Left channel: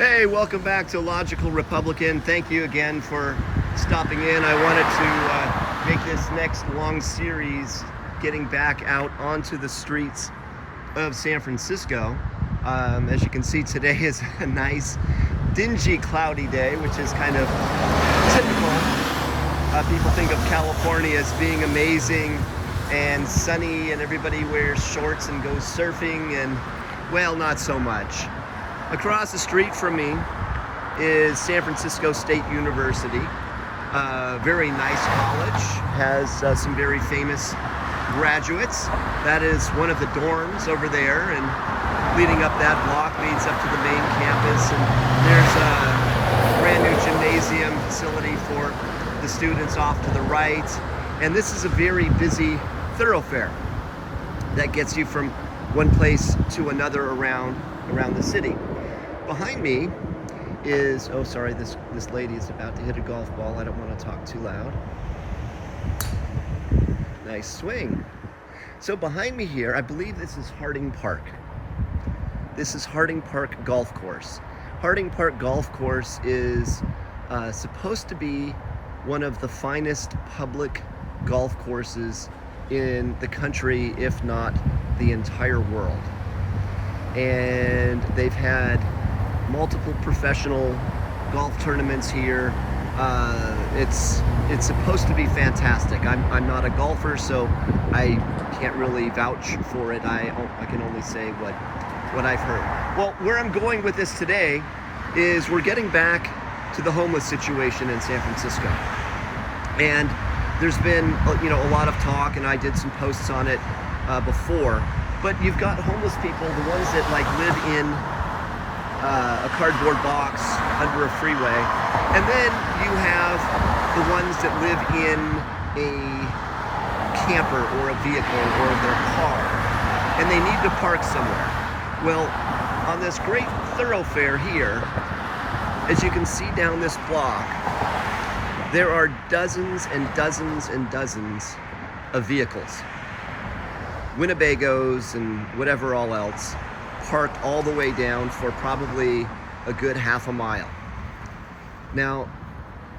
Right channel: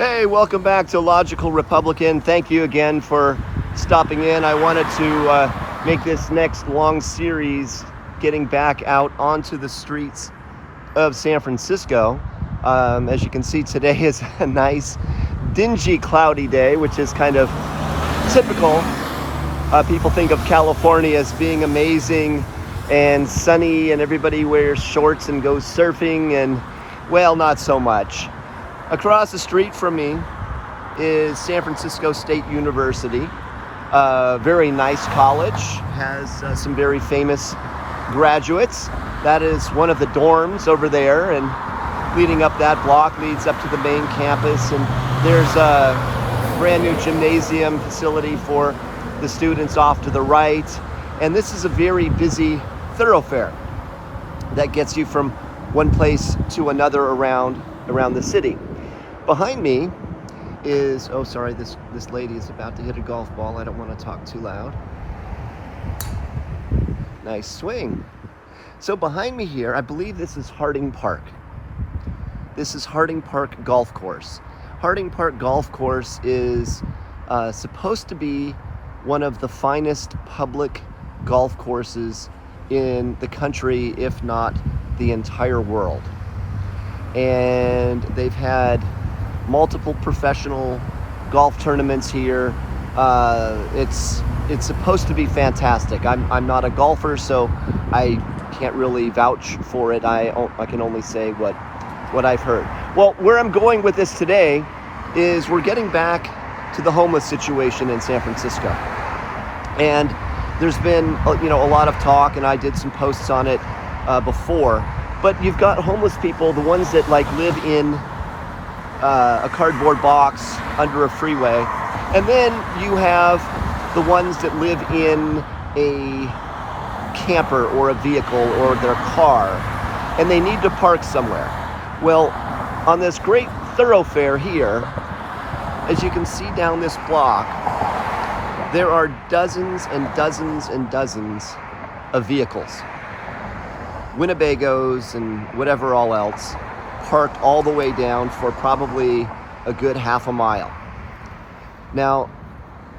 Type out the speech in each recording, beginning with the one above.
Hey, welcome back to Logical Republican. Thank you again for stopping in. I wanted to make this next long series getting back out onto the streets of San Francisco. As you can see, today is a nice, dingy, cloudy day, which is kind of typical. People think of California as being amazing and sunny, and everybody wears shorts and goes surfing, and well, not so much. Across the street from me is San Francisco State University. Very nice college, has some very famous graduates. That is one of the dorms over there, and leading up that block leads up to the main campus, and there's a brand new gymnasium facility for the students off to the right. And this is a very busy thoroughfare that gets you from one place to another around the city. Behind me is, oh sorry, this lady is about to hit a golf ball. I don't want to talk too loud. Nice swing. So behind me here, I believe this is Harding Park. This is Harding Park Golf Course. Harding Park Golf Course is supposed to be one of the finest public golf courses in the country, if not the entire world. And they've had multiple professional golf tournaments here. It's supposed to be fantastic. I'm not a golfer, so I can't really vouch for it. I can only say what I've heard. Well, where I'm going with this today is we're getting back to the homeless situation in San Francisco. And there's been a lot of talk, and I did some posts on it before. But you've got homeless people, the ones that live in a cardboard box under a freeway, and then you have the ones that live in a camper or a vehicle or their car, and they need to park somewhere. Well, on this great thoroughfare here, as you can see down this block, there are dozens and dozens and dozens of vehicles, Winnebagos and whatever all else, parked all the way down for probably a good half a mile. Now,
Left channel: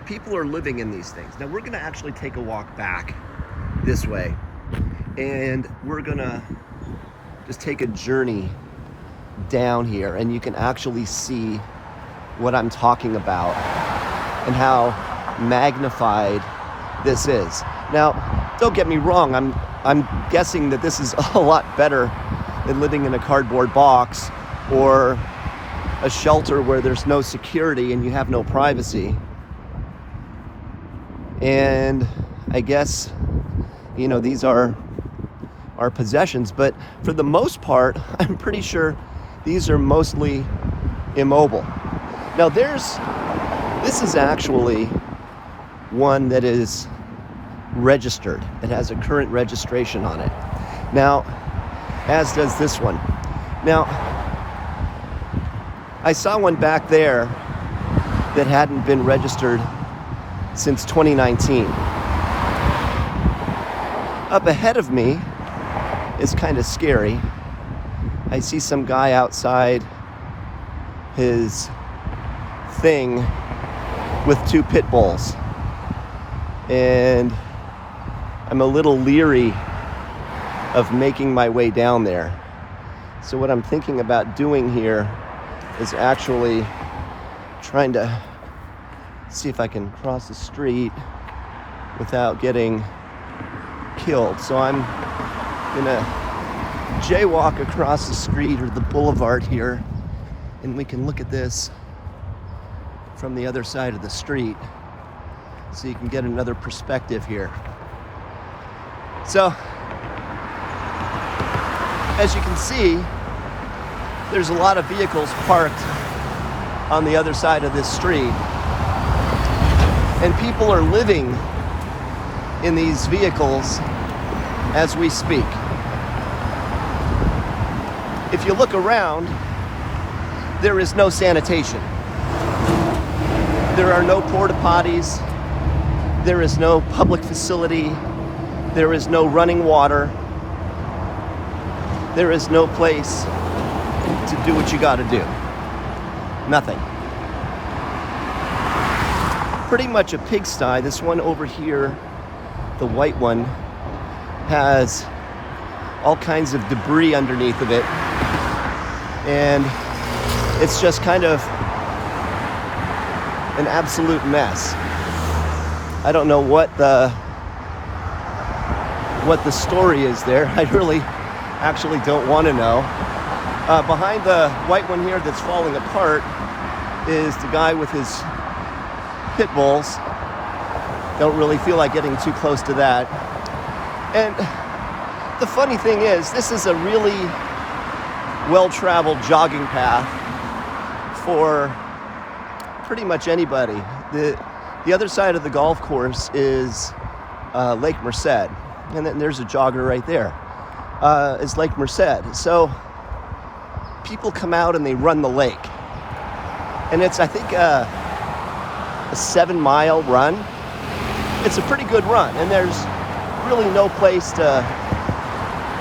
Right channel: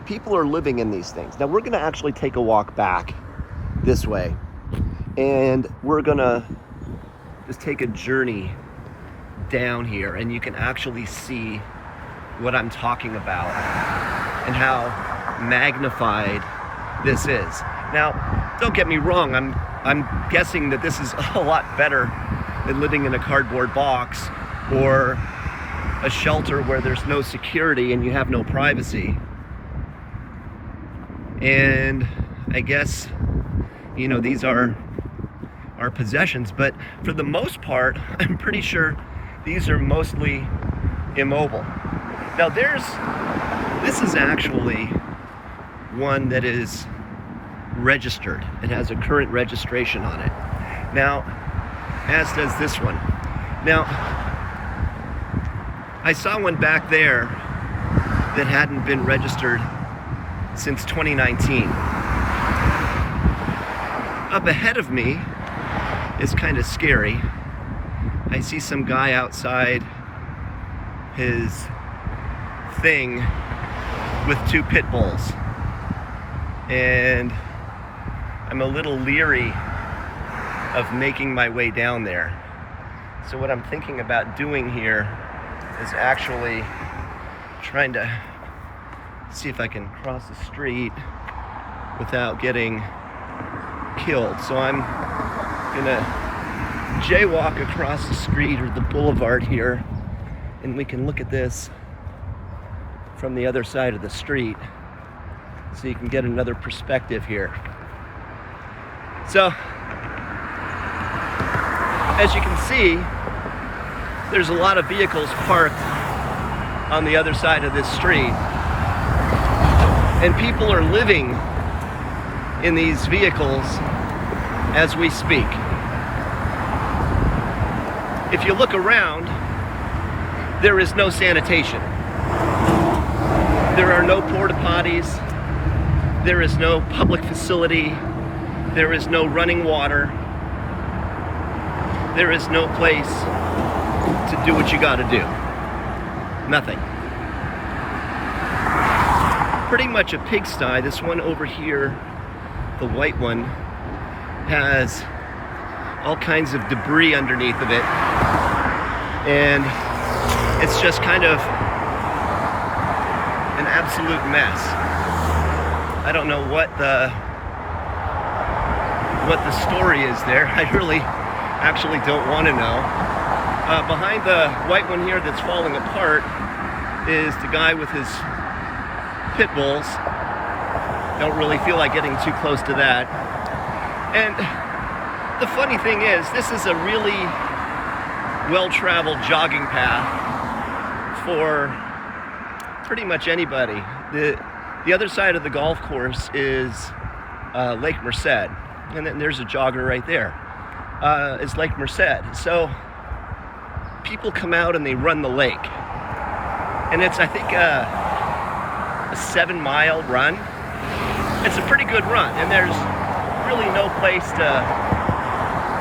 people are living in these things. Now, we're going to actually take a walk back this way, and we're going to just take a journey down here, and you can actually see what I'm talking about and how magnified this is. Now, don't get me wrong, I'm guessing that this is a lot better than living in a cardboard box or a shelter where there's no security and you have no privacy. And I guess, these are our possessions, but for the most part, I'm pretty sure these are mostly immobile. Now this is actually one that is registered. It has a current registration on it. Now, as does this one. Now, I saw one back there that hadn't been registered since 2019. Up ahead of me is kind of scary. I see some guy outside his thing with two pit bulls. And I'm a little leery of making my way down there. So what I'm thinking about doing here is actually trying to see if I can cross the street without getting killed. So I'm gonna jaywalk across the street or the boulevard here, and we can look at this from the other side of the street so you can get another perspective here. So, as you can see, there's a lot of vehicles parked on the other side of this street, and people are living in these vehicles as we speak. If you look around, there is no sanitation. There are no porta potties. There is no public facility. There is no running water. There is no place to do what you got to do. Nothing. Pretty much a pigsty. This one over here, the white one, has all kinds of debris underneath of it. And it's just kind of an absolute mess. I don't know what the story is there. I really actually don't want to know. Behind the white one here that's falling apart is the guy with his pit bulls. Don't really feel like getting too close to that. And the funny thing is, this is a really well-traveled jogging path for pretty much anybody. The other side of the golf course is Lake Merced, and then there's a jogger right there. Is Lake Merced. So people come out and they run the lake, and it's, I think, a 7-mile run. It's a pretty good run, and there's really no place to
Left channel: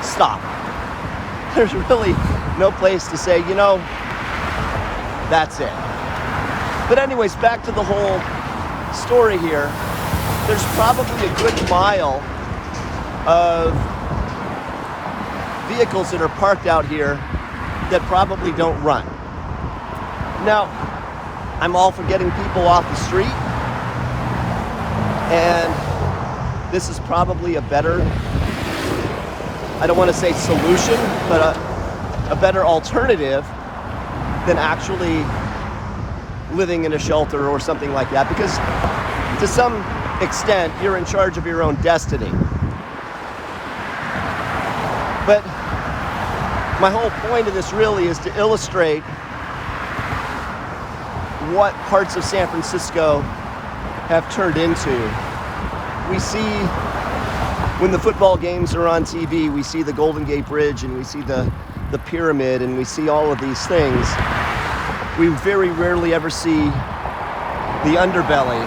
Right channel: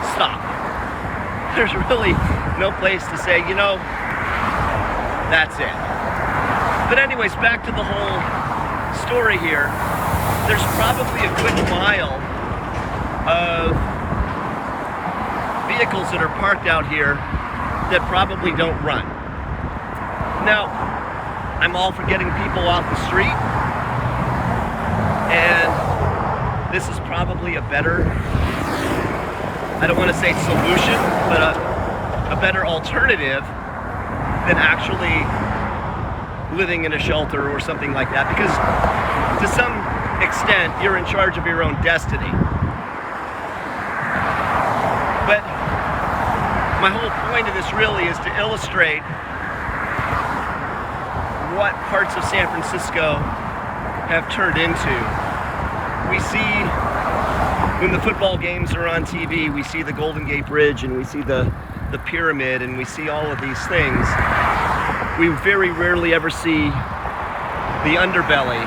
stop. There's really no place to say, you know, that's it. But anyways, back to the whole story here. There's probably a good mile of vehicles that are parked out here that probably don't run. Now, I'm all for getting people off the street, and this is probably a better, I don't want to say solution, but a better alternative than actually living in a shelter or something like that, because to some extent you're in charge of your own destiny. But my whole point of this really is to illustrate what parts of San Francisco have turned into. We see, when the football games are on TV, we see the Golden Gate Bridge, and we see the pyramid, and we see all of these things. We very rarely ever see the underbelly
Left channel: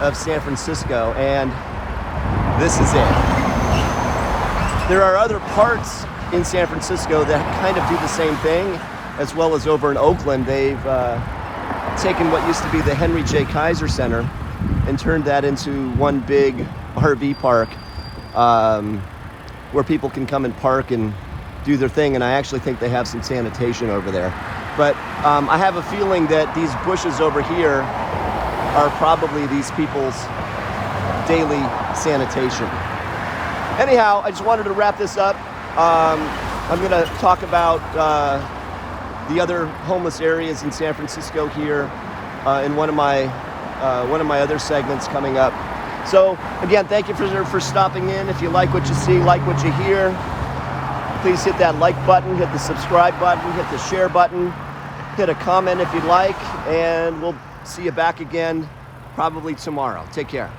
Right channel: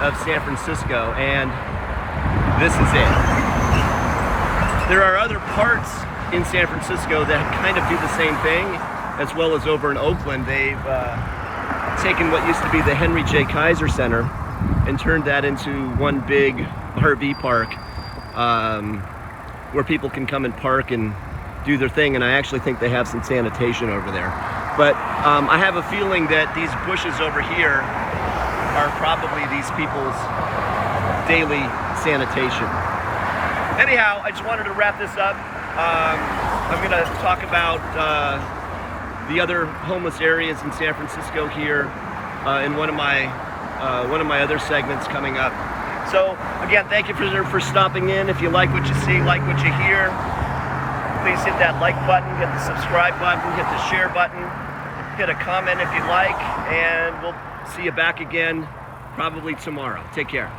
of San Francisco, and this is it. There are other parts in San Francisco that kind of do the same thing, as well as over in Oakland. They've taken what used to be the Henry J. Kaiser Center and turned that into one big RV park where people can come and park and do their thing, and I actually think they have some sanitation over there. But I have a feeling that these bushes over here are probably these people's daily sanitation. Anyhow, I just wanted to wrap this up. I'm going to talk about the other homeless areas in San Francisco here in one of my other segments coming up. So again, thank you for stopping in. If you like what you see, like what you hear, please hit that like button, hit the subscribe button, hit the share button, hit a comment if you like, and we'll see you back again probably tomorrow. Take care.